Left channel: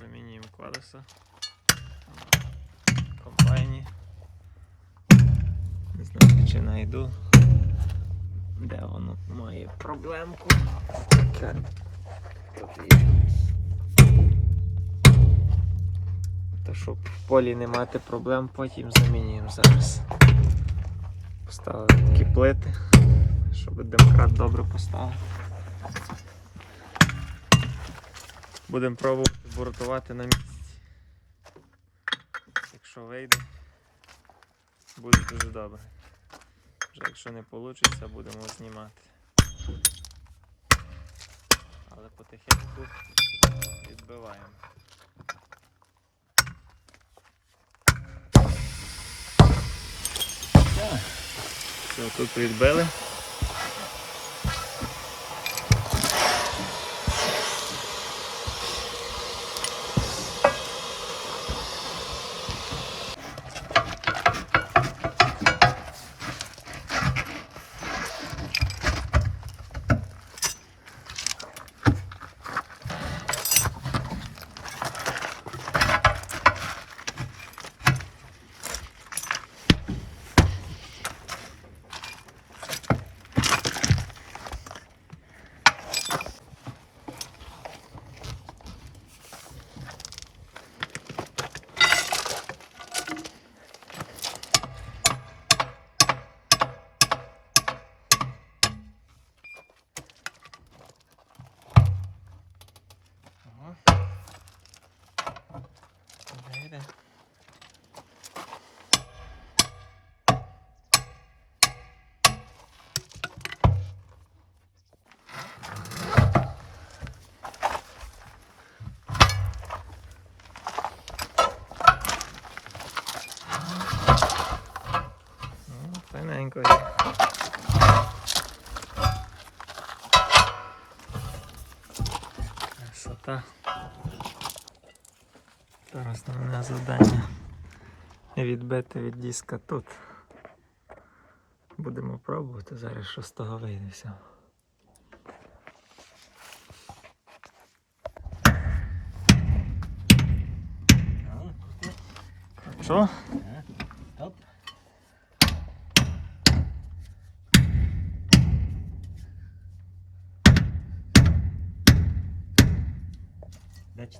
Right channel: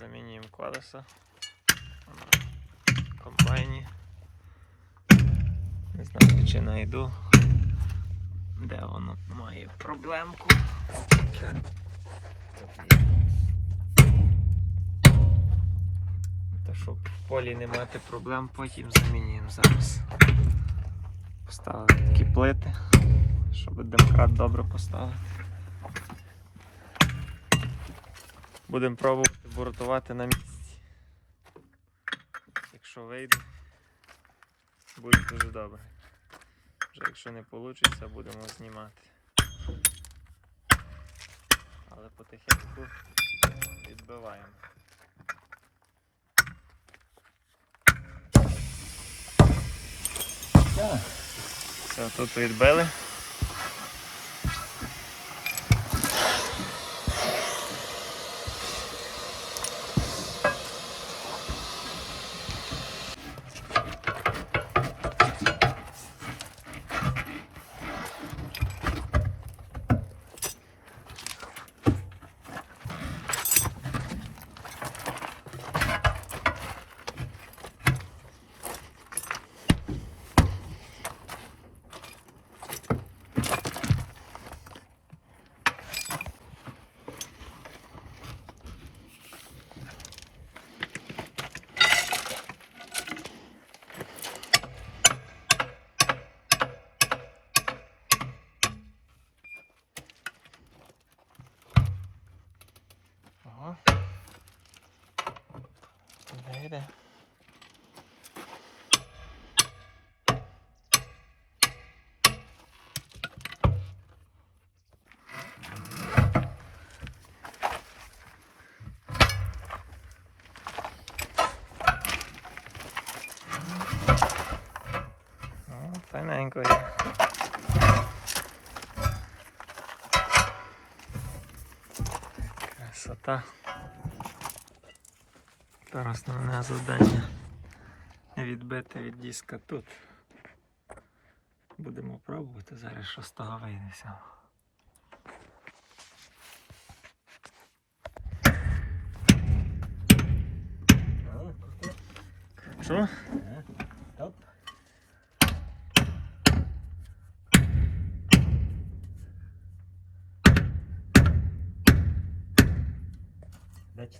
Замінюємо колеса на комбайні. Не знаю, чи знайду, де воно має проблемку. То щоб в полі не мати проблем, потім замінюємо зараз. Поставили такі плити, щоб демкрат добре поставити. Будемо пробувати бортувати на місці. Якщо вийде, буде дуже добре. Вже якщо не вийде, будемо знімати. Але потихеньку відбиваємо. Все, тут відбили. Ага. Вийде. Ну, Файненько є. Красота. Тепер основне завдання відбити від диска тут. Будемо пробувати зараз, що з того вийде всього.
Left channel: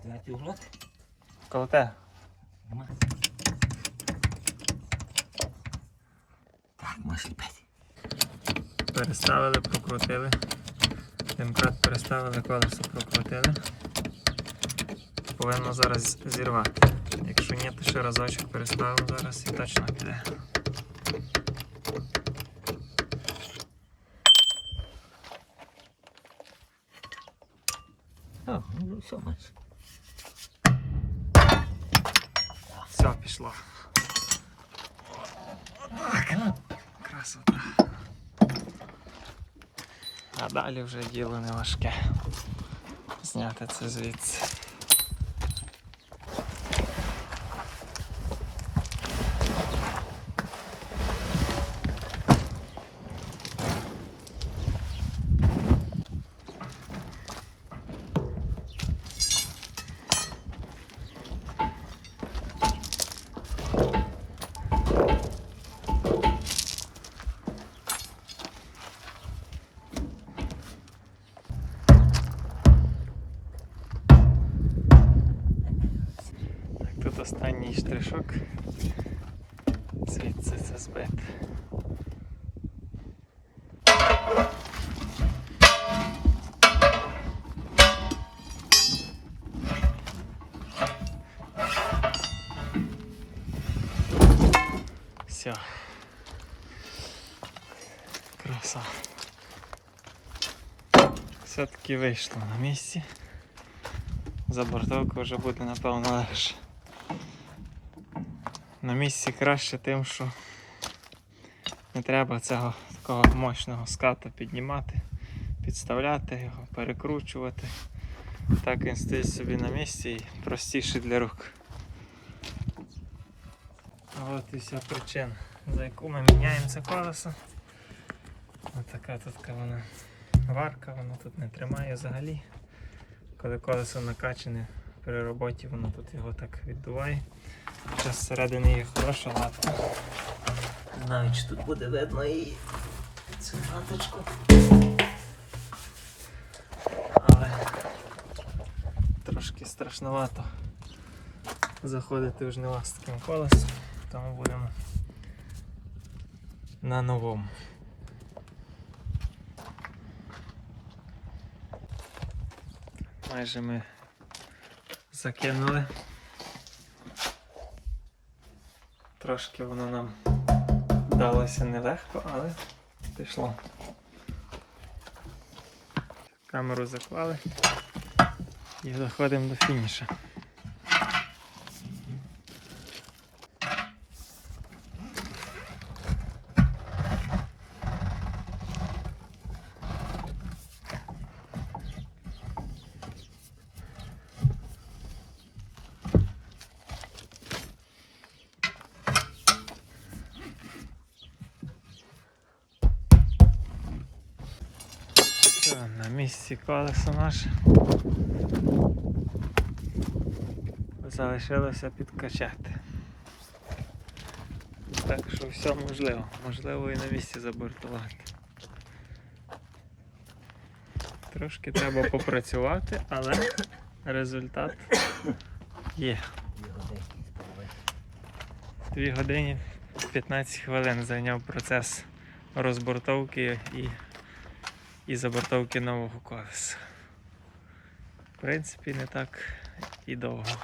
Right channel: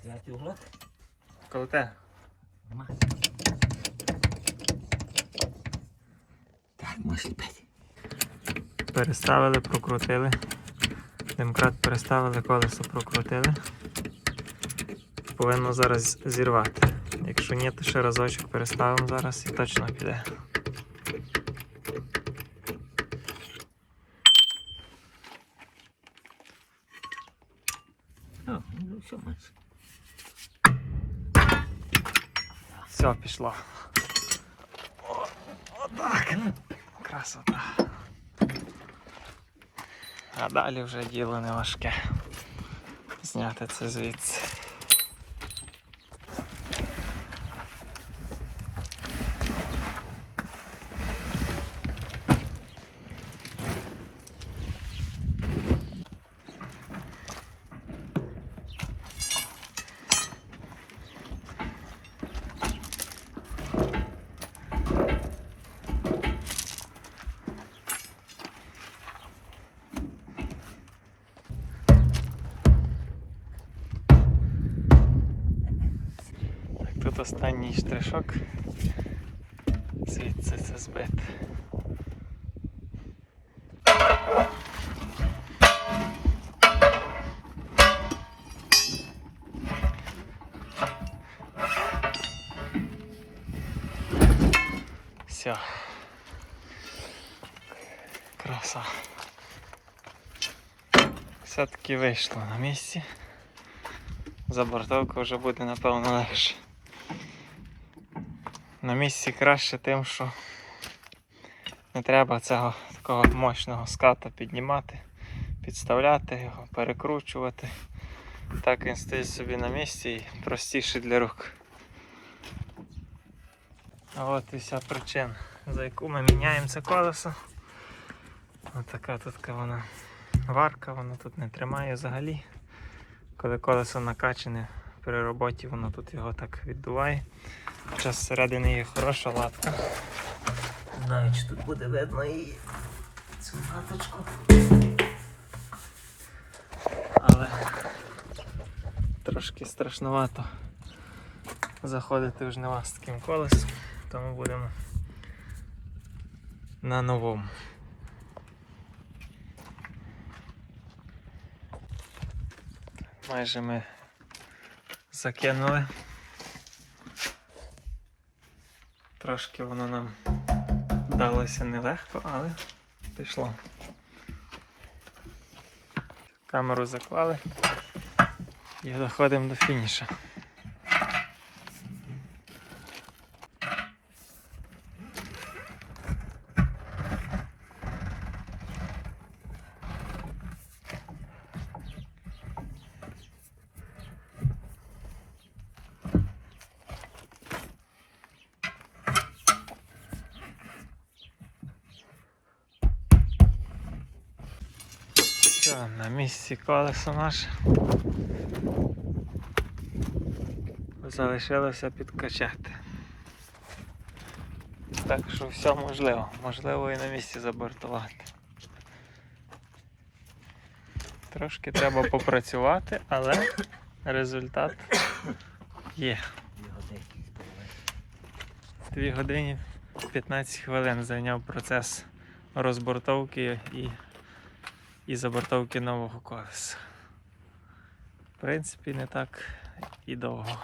Четвертий углок? Коло. Нема. Так, можеш ліпити. Переставили, прокрутили. Демкрат переставили, колесо прокрутили. Повинно зараз зірвати. Якщо ні, то ще разочок переставимо зараз і точно піде. О, ну все, маєш. Все, пішло. Отак. Красота. А далі вже діло не важке. Зняти це звідси. Тут останній штришок. Звідси це збити. Все. Краса. Все-таки вийшло на місці. Забортовка вже буде напевно легше. На місці краще тим, що не треба цього такого мощного ската піднімати, підставляти його, перекручувати. Так він стоїть собі на місці і простіше для рук. А от і вся причина, за яку ми міняємо це колесо. Ось така тут вона варка, воно тут не тримає взагалі. Коли колесо накачане, при роботі воно тут його так віддуває. Зараз всередині є хороша латка. Не знаю, чи тут буде видно її. Цю маточку. але трошки страшновато заходити в жнива з таким колесом, тому будемо на новому. Майже ми закинули. Трошки воно нам далося нелегко, але пішло. Камеру заклали і доходимо до фініша. Все, на місці колесо наше. Залишилося підкачати. Так що все можливо. Можливо і на місці забортувати. Трошки треба попрацювати, але результат є. Дві годинки з половиною. 2 години 15 хвилин зайняв процес розбортовки і, і забортовки нового колеса. В принципі, не так і довго.